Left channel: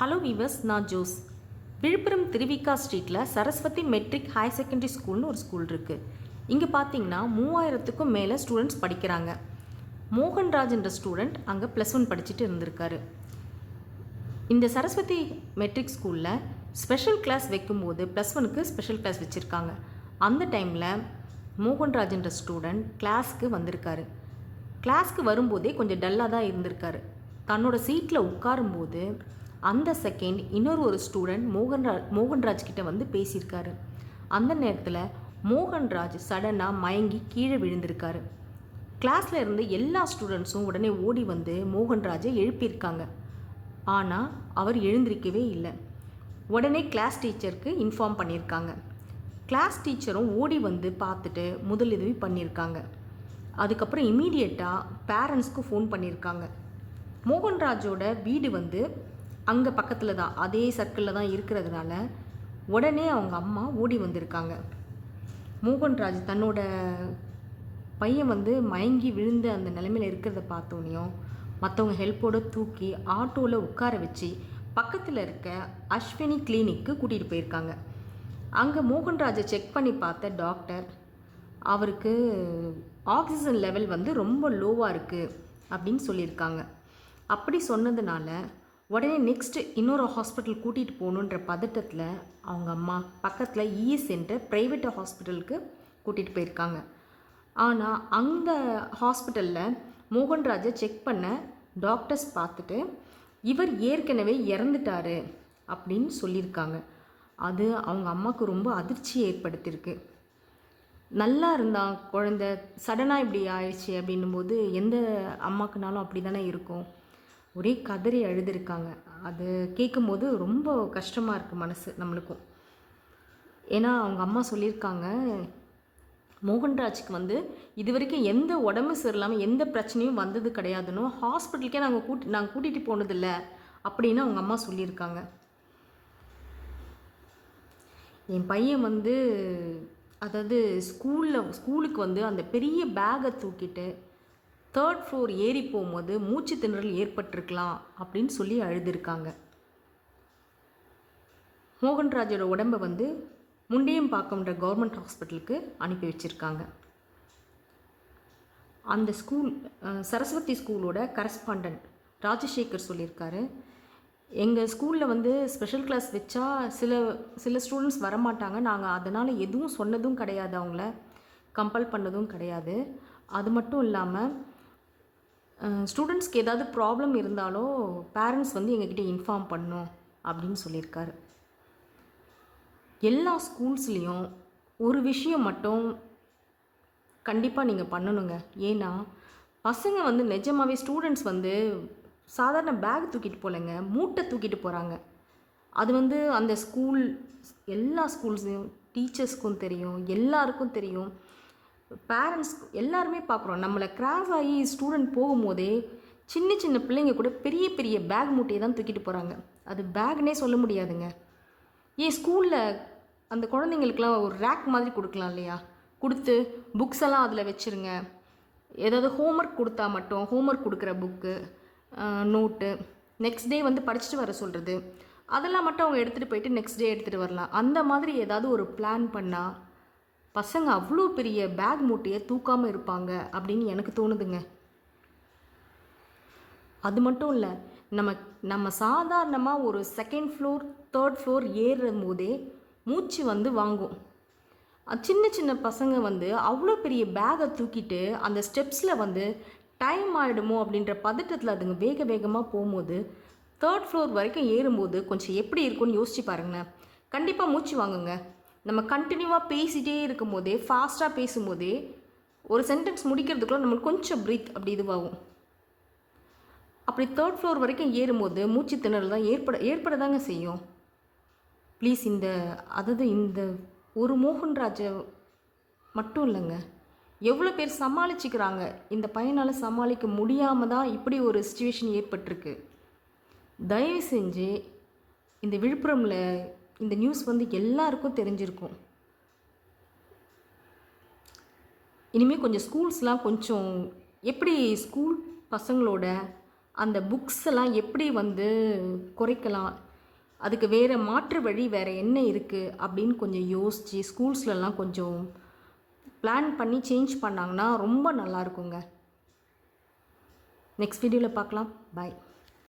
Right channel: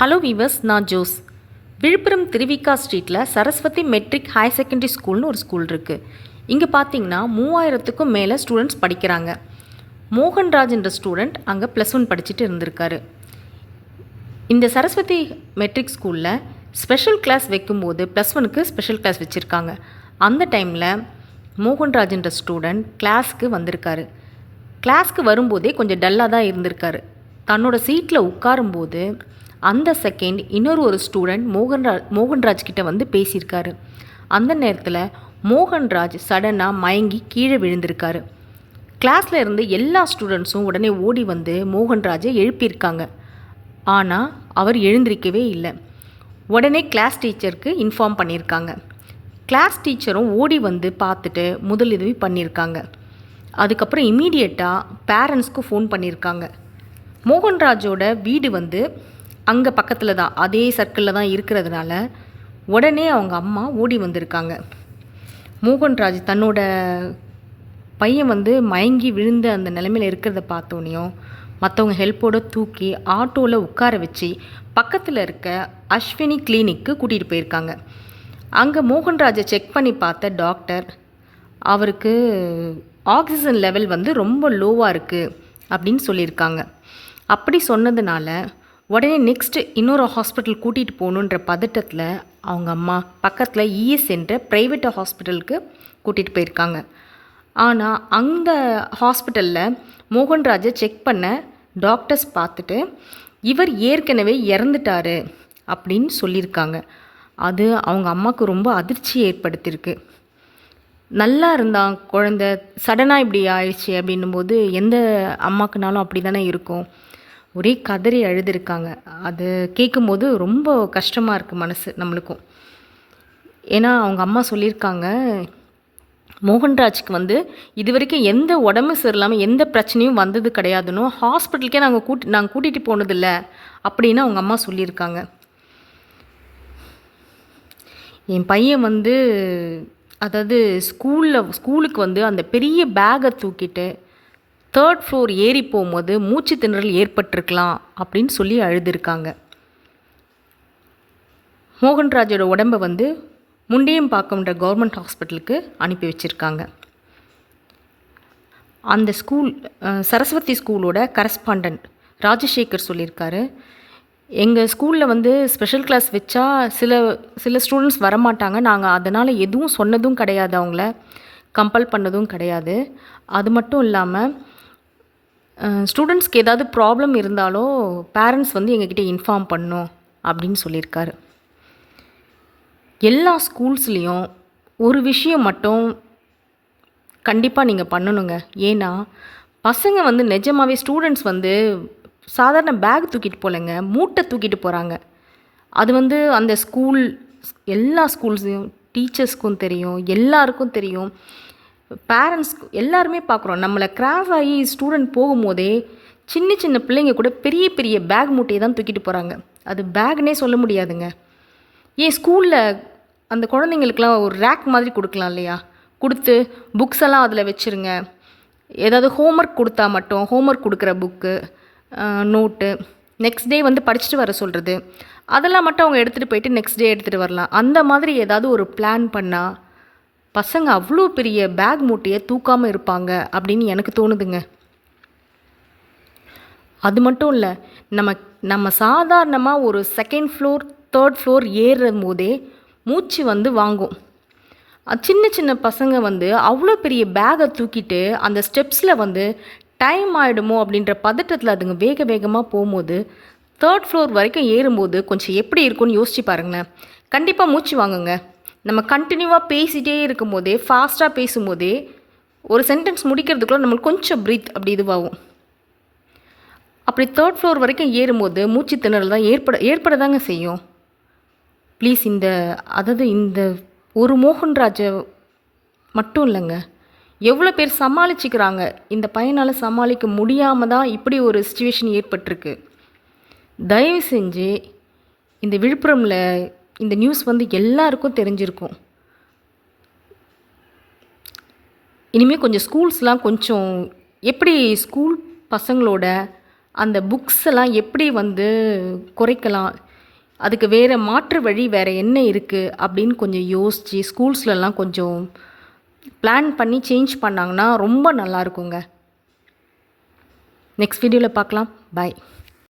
Hello viewers, நான் Jose. Villupuram Thiru Vi Ka ஸ்ட்ரீட்டில் Saraswati matric higher secondary ஸ்கூல்னு ஒரு ஸ்கூல் இருக்குது. இங்கே பார்த்தீங்கன்னா 3000க்கும் மேலே ஸ்டூடெண்ட்ஸ் படிக்கிறாங்க. மோகன்ராஜ் என்ற ஸ்டூடெண்ட் அங்கே +1 படிச்சுட்டு இருந்திருக்காரு. இந்த சரஸ்வதி மெட்ரிக் ஸ்கூலில் ஸ்பெஷல் கிளாஸ் வைக்கும்போது +1க்கு ஸ்பெஷல் கிளாஸ் வச்சுருக்காங்க. அந்த டைமில் மோகன்ராஜ் என்ற ஸ்டூடெண்ட் கிளாஸ்க்கு வந்திருக்காரு. கிளாஸ்க்கு வரும்போதே கொஞ்சம் டல்லாக தான் இருந்திருக்காரு. தன்னோட சீட்டில் உட்காரும்போது அந்த செகண்ட் இன்னொரு ஸ்டூடெண்ட் மோகன்ராஜ் கிட்ட வந்து பேசியிருக்காரு. அந்த நேரத்தில் மோகன்ராஜ் சடனாக மயங்கி கீழே விழுந்திருக்காரு. கிளாஸில் இருந்து எல்லா ஸ்டூடெண்ட்ஸும் உடனே ஓடி வந்து மோகன்ராஜை எழுப்பியிருக்காங்க. ஆனால் அவர் எழுந்திருக்கவே இல்லை. உடனே கிளாஸ் டீச்சருக்கு இன்ஃபார்ம் பண்ணியிருக்காங்க. கிளாஸ் டீச்சரும் ஓடி வந்து பார்த்துட்டு முதலுதவி பண்ணியிருக்காங்க. அதுக்கப்புறம் இமீடியட்டாக பேரண்ட்ஸ்க்கு ஃபோன் பண்ணியிருக்காங்க. மோகன்ராஜோட வீடு வந்து அங்கே பக்கத்தில் தான், அதே சர்க்கிளில் தான் இருக்கிறதுனால உடனே அவங்க அம்மா ஓடி வந்திருக்காங்க. மோகன்ராஜ் தன்னோட பையன் வந்து மயங்கி விழுந்த அந்த நிலைமையில் இருக்கிறத பார்த்தோன்னையும் மற்றவங்க ஹெல்ப்போடு தூக்கி ஆட்டோவில் உட்கார வச்சு பக்கத்தில் இருக்க அஸ்வினி கிளினிக்கு கூட்டிகிட்டு போயிருக்காங்க. அங்கே மோகன்ராஜை செக் பண்ணி பார்த்த டாக்டர் அவருக்கு ஆக்சிஜன் லெவல் வந்து ரொம்ப லோவாக இருக்குது அப்படின்னு சொல்லியிருக்காங்க. அப்படி சொன்னதுனால உடனே நெக்ஸ்ட்டு இன்னொரு ஹாஸ்பிட்டல் கூட்டிகிட்டு போகணுன்ற பதட்டத்தில் அவங்க அம்மா பக்கத்தில் இஎஸ் என்ற ப்ரைவேட் ஹாஸ்பிட்டலுக்கு கூட்டிகிட்டு போயிருக்காங்க. ஆனால் அந்த ஹாஸ்பிட்டலில் மோகன்ராஜை செக் பண்ண டாக்டர்ஸ் பார்த்துட்டு இவர் ஏற்கனவே இறந்துட்டார் அப்படின்னு சொல்லியிருக்காங்க. அது அவங்க அம்மாவுக்கு ரொம்ப அதிர்ச்சி ஏற்படுத்தியிருக்கு. நல்லா இருந்தான் குழந்த, சடனாக இப்படி ஆயிடுச்சு அப்படின்னும்போது எந்த அம்மாக்குனாலும் அப்படி தானே இருக்கும். ஒரே கதறி அழுதுருக்காங்க. அது கேட்கும்போது ரொம்ப கஷ்டமாக இருக்குது மனசு நம்மளுக்கும். ஏன்னா அவங்க அம்மா சொல்லியிருக்காங்க, மோகன்ராஜ்க்கு வந்து இது வரைக்கும் எந்த உடம்பு சரியில்லாமல் எந்த பிரச்சனையும் வந்தது கிடையாதுன்னு ஹாஸ்பிட்டலுக்கே நாங்கள் கூட்டிகிட்டு போனதில்லை அப்படின்னு அவங்க அம்மா சொல்லியிருக்காங்க. என் பையன் வந்து அதாவது ஸ்கூலுக்கு வந்து அந்த பெரிய பேக்கை தூக்கிட்டு 3rd ஃப்ளோர் ஏறி போகும்போது மூச்சு திணறல் ஏற்பட்டிருக்கலாம் அப்படின்னு சொல்லி அழுதுருக்காங்க. மோகன்ராஜோட உடம்பை வந்து முண்டியம்பாக்கம்ன்ற கவர்மெண்ட் ஹாஸ்பிட்டலுக்கு அனுப்பி வச்சுருக்காங்க. அந்த ஸ்கூல் சரஸ்வதி ஸ்கூலோட கரஸ்பாண்டன்ட் ராஜசேகர் சொல்லியிருக்காரு, எங்கள் ஸ்கூலில் வந்து ஸ்பெஷல் கிளாஸ் வச்சா சில ஸ்டூடெண்ட்ஸ் வரமாட்டாங்க. நாங்கள் அதனால் எதுவும் சொன்னதும் கிடையாது, அவங்கள கம்பல் பண்ணதும் கிடையாது. அது மட்டும் இல்லாமல் ஸ்டூடெண்ட்ஸ்க்கு ஏதாவது ப்ராப்ளம் இருந்தாலோ பேரண்ட்ஸ் வந்து எங்ககிட்ட இன்ஃபார்ம் பண்ணணும் அப்படின்னு சொல்லியிருக்காரு. எல்லா ஸ்கூல்ஸ்லேயும் ஒரு விஷயம் மட்டும் கண்டிப்பாக நீங்கள் பண்ணணுங்க. ஏன்னா பசங்க வந்து நிஜமாகவே ஸ்டூடெண்ட்ஸ் வந்து சாதாரண பேக் தூக்கிட்டு போகலைங்க, மூட்டை தூக்கிட்டு போகிறாங்க. அது வந்து அந்த எல்லா ஸ்கூல்ஸையும் டீச்சர்ஸ்க்கும் தெரியும், எல்லாருக்கும் தெரியும், பேரண்ட்ஸ் எல்லாருமே பார்க்குறோம். நம்மளை கிராஸ் ஆகி ஸ்டூடெண்ட் போகும்போதே சின்ன சின்ன பிள்ளைங்க கூட பெரிய பெரிய பேக் மூட்டையை தான் தூக்கிட்டு போகிறாங்க. அது பேக்னே சொல்ல முடியாதுங்க. ஏன் ஸ்கூலில் அந்த குழந்தைங்களுக்கெல்லாம் ஒரு ரேக் மாதிரி கொடுக்கலாம் இல்லையா, கொடுத்து புக்ஸ் எல்லாம் அதில் வச்சுருங்க. ஏதாவது ஹோம்ஒர்க் கொடுத்தா மட்டும் ஹோம்ஒர்க் கொடுக்குற புக்கு, நோட்டு, நெக்ஸ்ட் டே வந்து படிச்சுட்டு வர சொல்கிறது, அதெல்லாம் மட்டும் அவங்க எடுத்துகிட்டு போயிட்டு நெக்ஸ்ட் டே எடுத்துகிட்டு வரலாம். அந்த மாதிரி ஏதாவது ஒரு பிளான் பண்ணால் பசங்க அவ்வளோ பெரிய பேக் மூட்டையை தூக்காமல் இருப்பாங்க அப்படின்னு எனக்கு தோணுதுங்க. அது மட்டும் இல்லை, நம்ம சாதாரணமாக ஒரு 2nd ஃப்ளோர் 3rd ஃப்ளோர் ஏறும் போதே மூச்சு வந்து வாங்கும். சின்ன சின்ன பசங்க வந்து அவ்வளோ பெரிய பேகை தூக்கிட்டு அந்த ஸ்டெப்ஸில் வந்து டைம் ஆகிடுமோ அப்படின்ற பதட்டத்தில் அதுங்க வேக வேகமாக போகும்போது 3rd ஃப்ளோர் வரைக்கும் ஏறும்போது கொஞ்சம் எப்படி இருக்கும்னு யோசிச்சு பாருங்களேன். கண்டிப்பாக மூச்சு வாங்குங்க. நம்ம கண்டினியூவாக பேசிகிட்டே இருக்கும்போதே, ஃபாஸ்ட்டாக பேசும்போதே ஒரு சென்டென்ஸ் முடிக்கிறதுக்குள்ள நம்மளுக்கு கொஞ்சம் ப்ரீத் அப்படி இதுவாகும். அப்படி 3rd ஃப்ளோர் வரைக்கும் ஏறும்போது மூச்சு திணறல் தான் ஏற்பட செய்யும். ப்ளீஸ் இந்த ஒரு மோகன்ராஜை மட்டும் இல்லைங்க, எவ்வளோ பேர் சமாளிச்சுக்கிறாங்க. இந்த பையனால் சமாளிக்க முடியாமல் தான் இப்படி ஒரு சிச்சுவேஷன் ஏற்பட்டிருக்கு. தயவு செஞ்சு இந்த விழுப்புரமில் இந்த நியூஸ் வந்து எல்லாருக்கும் தெரிஞ்சிருக்கும். இனிமேல் கொஞ்சம் ஸ்கூல்ஸ்லாம் கொஞ்சம் எப்படி ஸ்கூல் பசங்களோட அந்த புக்ஸ் எல்லாம் எப்படி வந்து குறைக்கலாம், அதுக்கு வேறு மாற்று வழி வேறு என்ன இருக்குது அப்படின்னு கொஞ்சம் யோசித்து ஸ்கூல்ஸ்லலாம் கொஞ்சம் பிளான் பண்ணி சேஞ்ச் பண்ணாங்கன்னா ரொம்ப நல்லா இருக்குங்க. நெக்ஸ்ட் வீடியோவில் பார்க்கலாம். பாய்.